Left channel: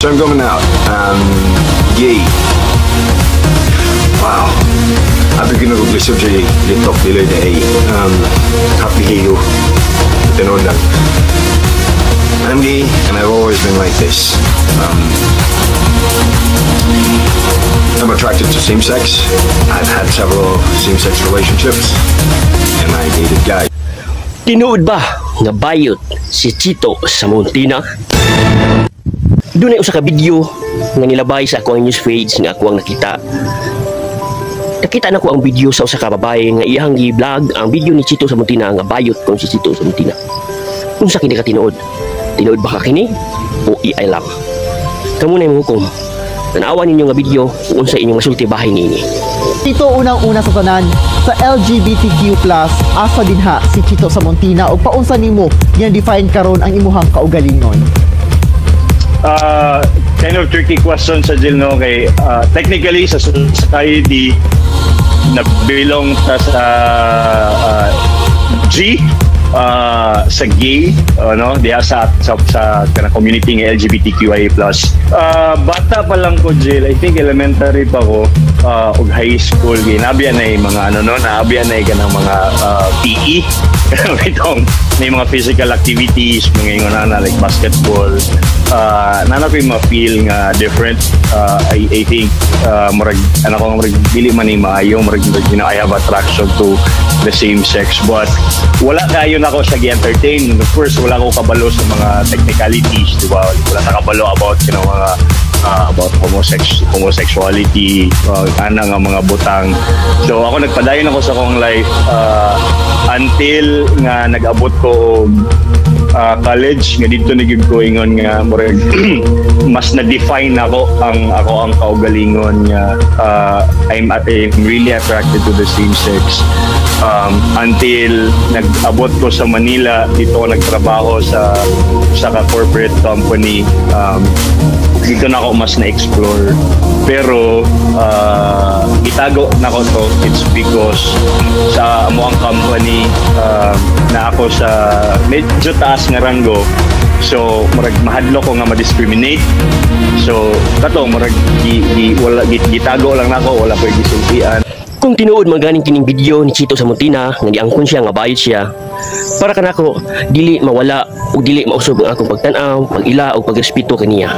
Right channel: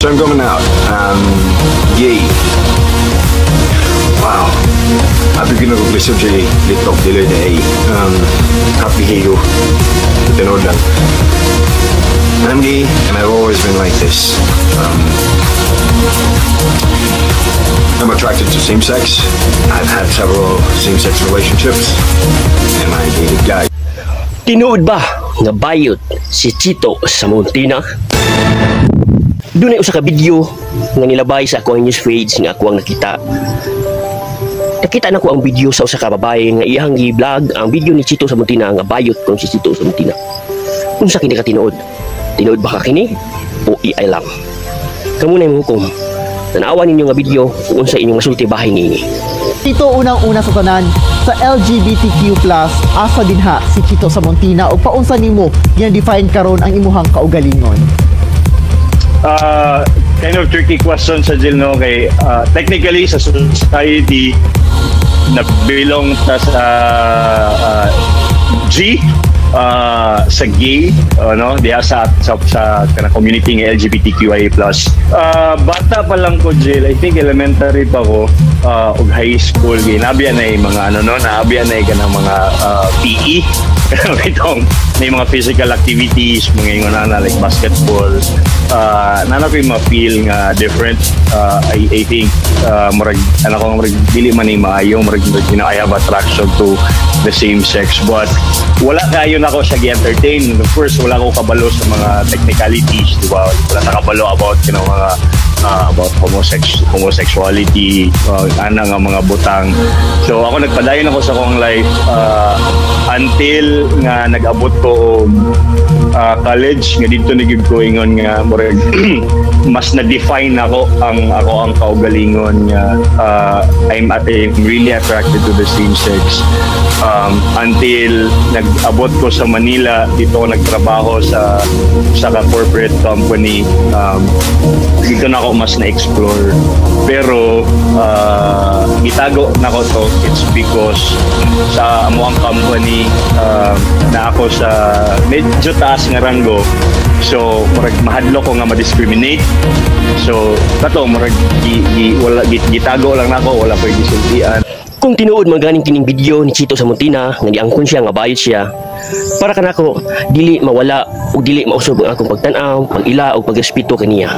So I'm coming out, gay. Wow. Happy ko nag-lisod siya litok dili na ay happy kayo. Tinood lang. I'm gay and I've always been like this. I'm attracted to same-sex. I've had several same-sex relationships and I dated guys. Tinuod ba nga bayot si Chito sa Montina? Doon ay usa ka video nga nilabay sa akong news page nga ako ang nakita. Nakita na ko ang video sa usa ka babae nga iyang gi-vlog ang video ni Chito sa Montina nga bayot kung si Chito sa Montina. Unsa kini ka tinuod? Tinuod ba ka kini o iay lang? Kamo na imong hukom. Tanawan ninyo nga video kung unsa inyong masulti bahay niini. Ito unang-una sa tanan sa LGBTQ+, asa dinha si Chito sa Montina o paunsa nimo gina-define karon ang imuhang kaugalingon? Kind of tricky question sa Jill, no? Kay technically sa society na belong ta sa G, sa gay, no, diya sa kana community ng LGBTQIA+. Bata pa lang ko, Jill, I think elementary pa ko, og high school, nabiya na yung mga nabiya na yung mga PE, itong may mga physical activities, mga yung like basketball, nana ko yung ma-feel nga different. I think murag dili man ni maayo, murag I have attraction to the same sex, but wala kayo na ako sa gi-entertain. First, wala ko kabalo sa mga technicalities, di ba? Wala sa kabalo about mga about homosexuality, ana nga mga butang. So ako nagpadayon ako sa akong life until nga nag-abot ko college nga dito nagig ko ingon nga murag mas na-define ako ang kaugalingon nga I'm really attracted to the same sex. Until nag-abot ko sa Manila, dito ako nagtrabaho sa corporate company. Dito na ako mas na-explore. Pero itago na ko to, it's because sa amuang company na ako sa medyo taas nga ranggo. So mahadlo ko nga ma-discriminate. So kato wala gitago lang nako, wala koy gisultian. Kung tinuod maganing kining video ni Chito sa Montina nga giangkon siya nga bayot siya, para kanako dili mawala o dili mausob ang akong pagtan-aw, pag-ila o pagrespeto kaniya.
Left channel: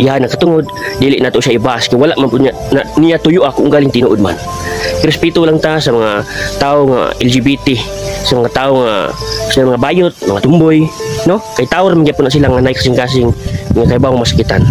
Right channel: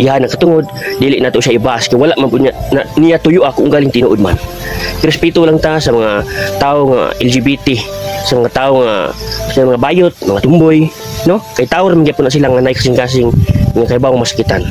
Iya nakatungod dili nato siya ibas kung wala man niya tuyo ako kung galing tinuod man. Respeto lang ta sa mga tao nga LGBT, sa mga tao nga sa mga bayot, mga tumboy, no? Kay tao ra man gyapon na sila nga nay kasing-kasing nga kay bawang masakitan.